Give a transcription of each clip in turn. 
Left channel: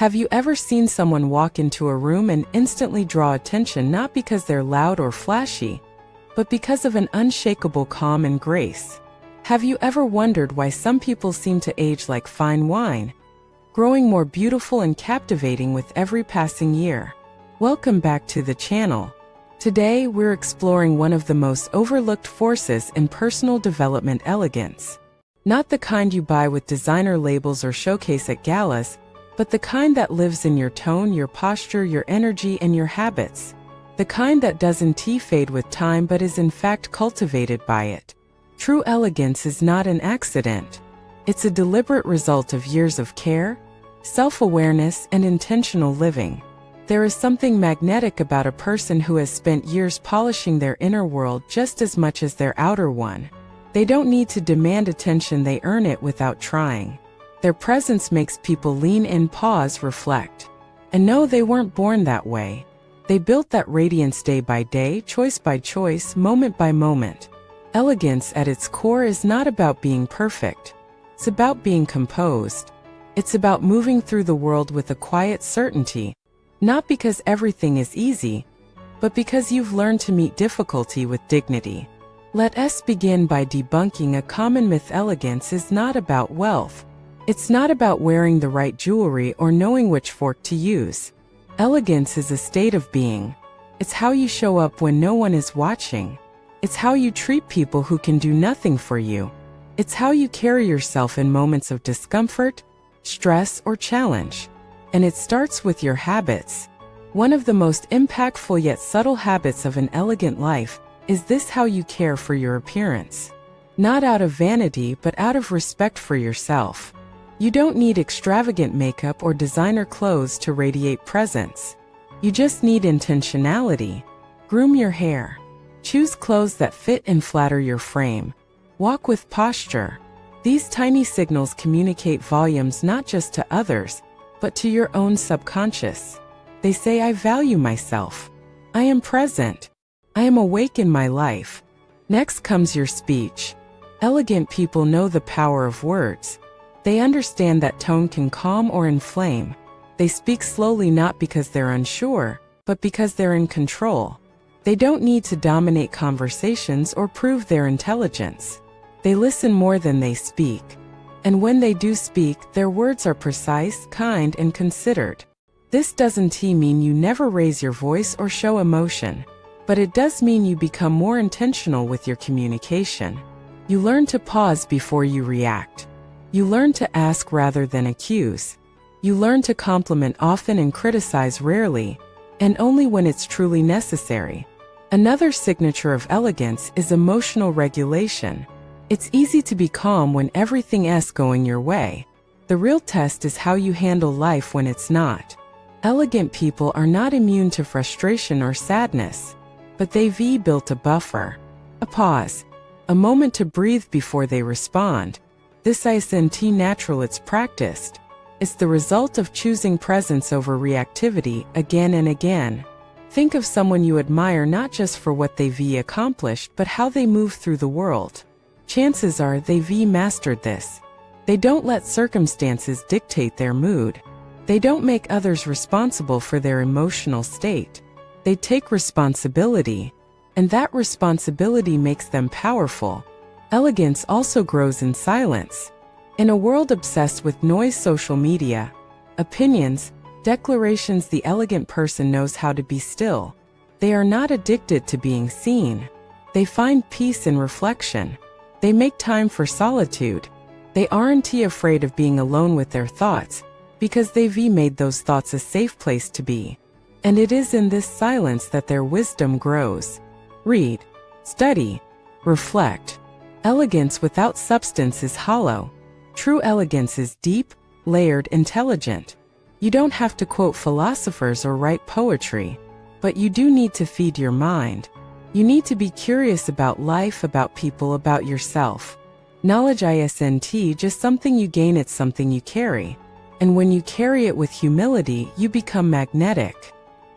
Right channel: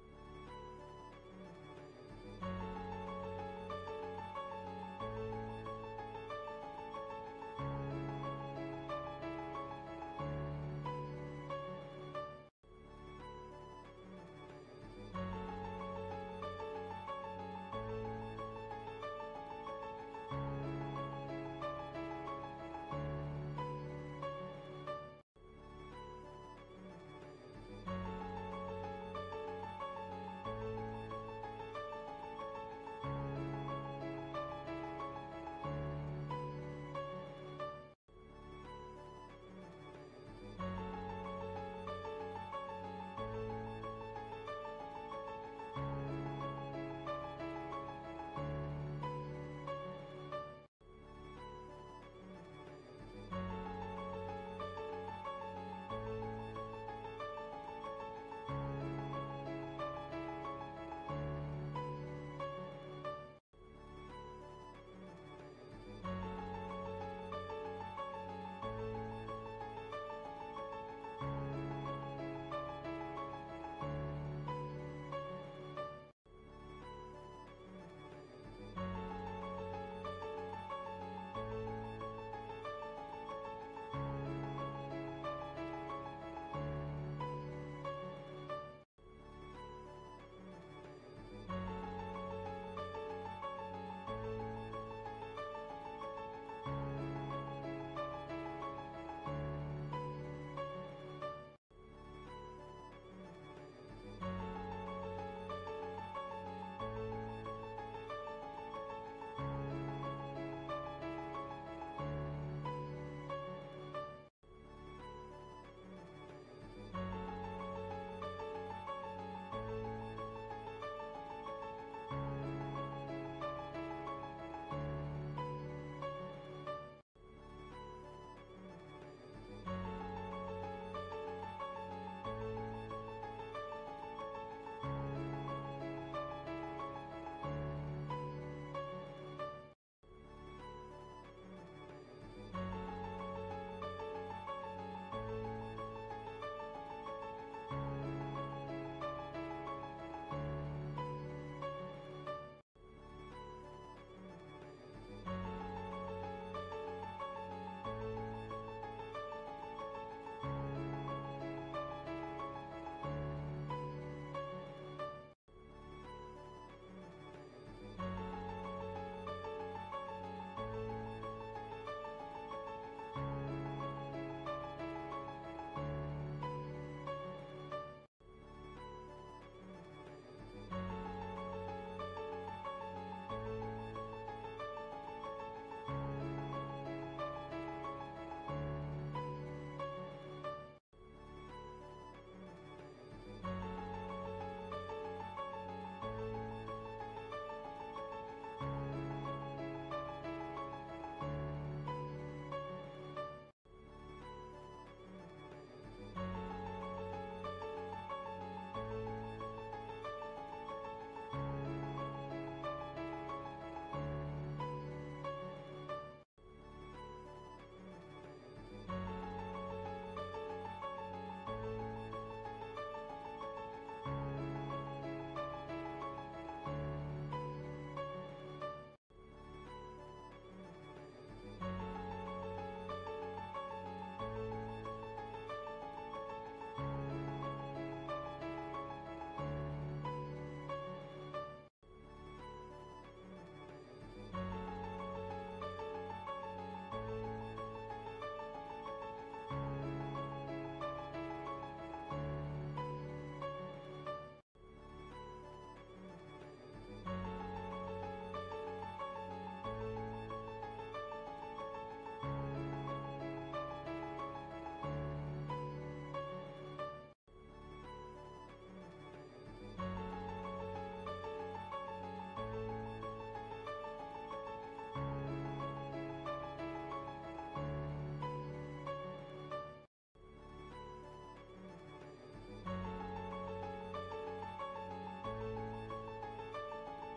Have you ever seen someone walk into a room and instantly draw attention not because they're loud or flashy, but because of an unshakable calm and grace? Have you ever wondered why some people seem to age like fine wine, growing more beautiful and captivating with every passing year? Welcome back to the channel. Today we're exploring one of the most overlooked forces in personal development: elegance. Not the kind you buy with designer labels or showcase at galas, but the kind that lives in your tone, your posture, your energy, and your habits. The kind that doesn't fade with time but is in fact cultivated by it. True elegance is not an accident. It's a deliberate result of years of care, self-awareness, and intentional living. There is something magnetic about a person who has spent years polishing their inner world just as much as their outer one. They don't need to demand attention, they earn it without trying. Their presence makes people lean in, pause, reflect. And no, they weren't born that way. They built that radiance day by day, choice by choice, moment by moment. Elegance at its core is not about being perfect. It's about being composed. It's about moving through the world with a quiet certainty, not because everything is easy, but because you've learned to meet difficulty with dignity. Let us begin by debunking a common myth: elegance is not about wealth. It's not about wearing the right jewelry or knowing which fork to use. Elegance is a state of being. It's how you show up when no one is watching. It's how you treat people who can do nothing for you. It's how you carry yourself in moments of discomfort, stress, or challenge. And it starts with your habits. One of the most impactful yet subtle habits of an elegant life is this: how you care for your appearance. Not out of vanity, but out of respect for yourself. You don't need extravagant makeup or designer clothes to radiate presence. You just need intentionality. Groom your hair. Choose clothes that fit and flatter your frame. Walk with posture. These tiny signals communicate volumes not just to others, but to your own subconscious. They say, I value myself. I am present. I am awake in my life. Next comes your speech. Elegant people know the power of words. They understand that tone can calm or inflame. They speak slowly not because they're unsure, but because they're in control. They don't need to dominate conversations or prove their intelligence. They listen more than they speak. And when they do speak, their words are precise, kind, and considered. This doesn't mean you never raise your voice or show emotion, but it does mean you become more intentional with your communication. You learn to pause before you react. You learn to ask rather than accuse. You learn to compliment often and criticize rarely, and only when it's truly necessary. Another signature of elegance is emotional regulation. It's easy to be calm when everything is going your way. The real test is how you handle life when it's not. Elegant people are not immune to frustration or sadness, but they've built a buffer, a pause, a moment to breathe before they respond. This isn't natural, it's practiced. It's the result of choosing presence over reactivity again and again. Think of someone you admire not just for what they've accomplished, but how they move through the world. Chances are they've mastered this. They don't let circumstances dictate their mood. They don't make others responsible for their emotional state. They take responsibility, and that responsibility makes them powerful. Elegance also grows in silence. In a world obsessed with noise, social media, opinions, declarations, the elegant person knows how to be still. They are not addicted to being seen. They find peace in reflection. They make time for solitude. They aren't afraid of being alone with their thoughts, because they've made those thoughts a safe place to be. And it is in this silence that their wisdom grows. Read, study, reflect. Elegance without substance is hollow. True elegance is deep, layered, intelligent. You don't have to quote philosophers or write poetry, but you do need to feed your mind. You need to be curious about life, about people, about yourself. Knowledge isn't just something you gain, it's something you carry. And when you carry it with humility, you become magnetic.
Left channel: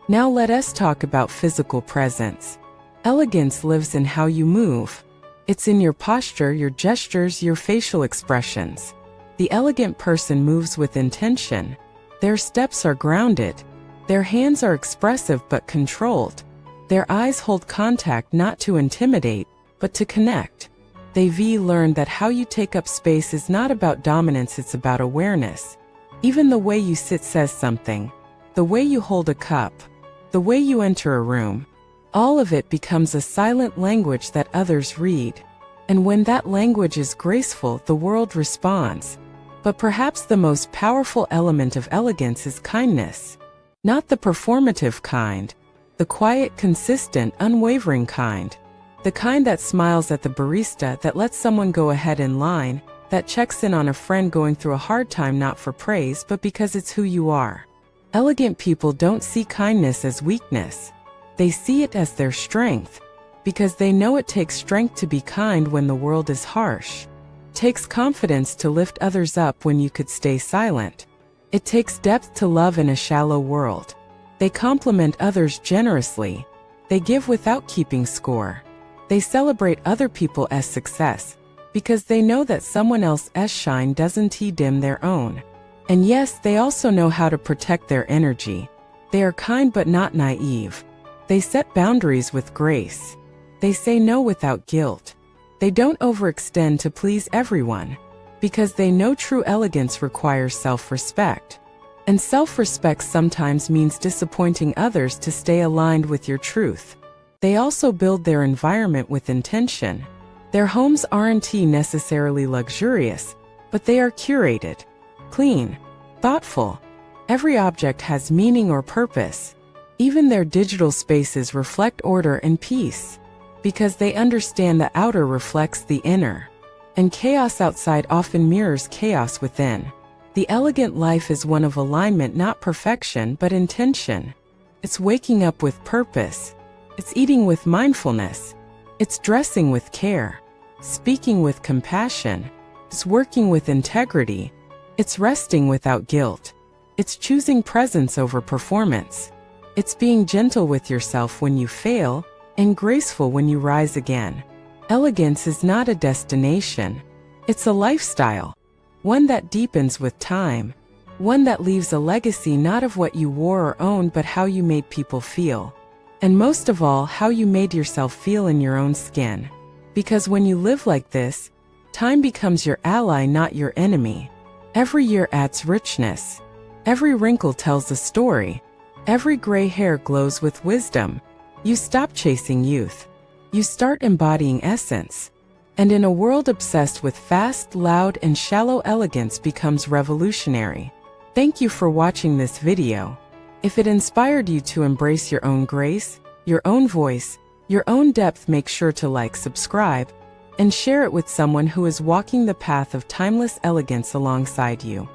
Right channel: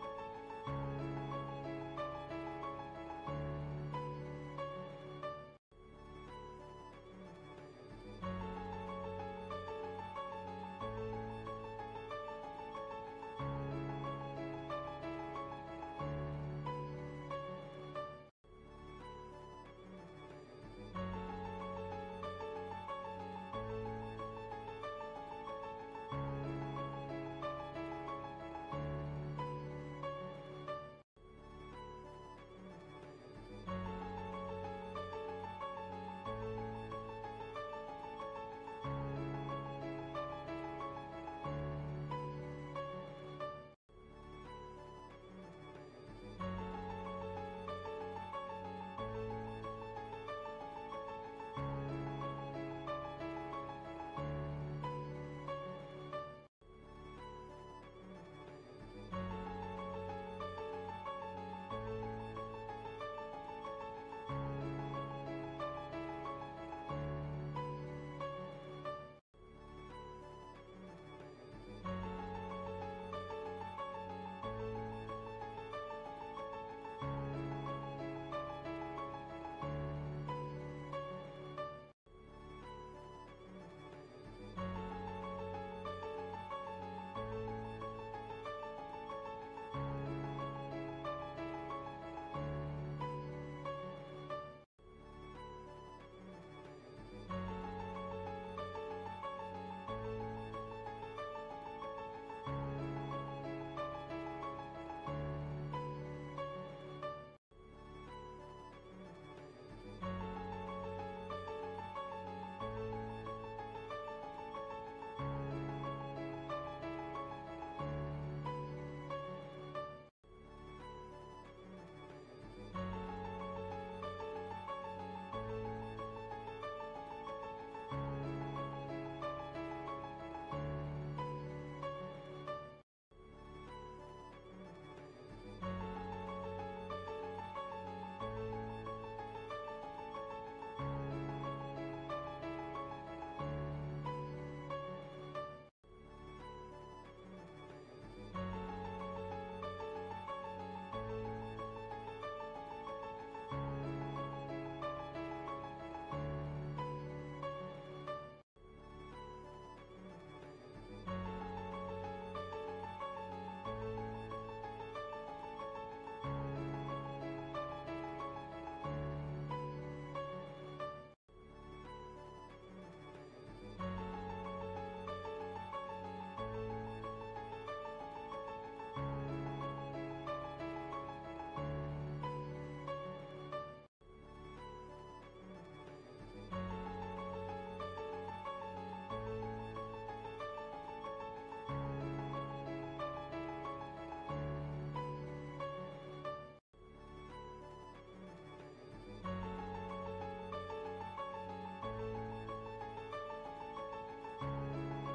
Now let us talk about physical presence. Elegance lives in how you move. It's in your posture, your gestures, your facial expressions. The elegant person moves with intention. Their steps are grounded. Their hands are expressive but controlled. Their eyes hold contact not to intimidate, but to connect. They've learned that how you take up space is not about dominance, it's about awareness. Even the way you sit says something. The way you hold a cup. The way you enter a room. All of it becomes a silent language that others read. And when that language is graceful, the world responds. But perhaps the most powerful element of elegance is kindness. Not the performative kind. The quiet, consistent, unwavering kind. The kind that smiles at the barista, that lets someone go ahead in line, that checks in on a friend going through a hard time not for praise but because it's who you are. Elegant people don't see kindness as weakness. They see it as their strength, because they know it takes strength to be kind when the world is harsh. It takes confidence to lift others up when you could stay silent. It takes depth to love in a shallow world. They compliment others generously. They give without keeping score. They celebrate other people's success, because they know that someone else's shine doesn't dim their own. And yes, they also know how to protect their energy. They are kind but not naive. They set boundaries with grace. They say no without guilt. They don't overextend to please everyone, because they know true elegance requires self-respect. And self-respect sometimes means disappointing others to stay aligned with your truth. They also build their environment with intention. Their homes aren't necessarily luxurious, but they are curated, clean, thoughtful. Every object has meaning or purpose. Even their digital spaces reflect order and peace, because they understand the outer reflects the inner, and chaos outside often mirrors chaos within. The elegant life is one of alignment, not perfection, but intention. It's waking up with purpose. It's eating with mindfulness. It's dressing with care. Speaking with compassion. It's working with integrity. It's resting without guilt. It's choosing presence over performance. It's being gentle with yourself when you fail, and graceful when you rise again. Elegance is not a destination. It's a lifestyle. One that deepens with time. One that leaves a legacy not of what you wore or owned, but how you made people feel. And most of all, how you made yourself feel in your own skin. Because when you live like this, time becomes your ally, not your enemy. Every year adds richness. Every wrinkle tells a story. Every gray hair glows with wisdom. You stop chasing youth. You start embodying essence. And in a world obsessed with fast, loud, and shallow, elegance becomes revolutionary. Thank you for watching this video. If it inspired you to embrace your own grace, your own voice, your own depth, make sure to like, subscribe, and share it with someone who is walking the path of timeless elegance alongside you.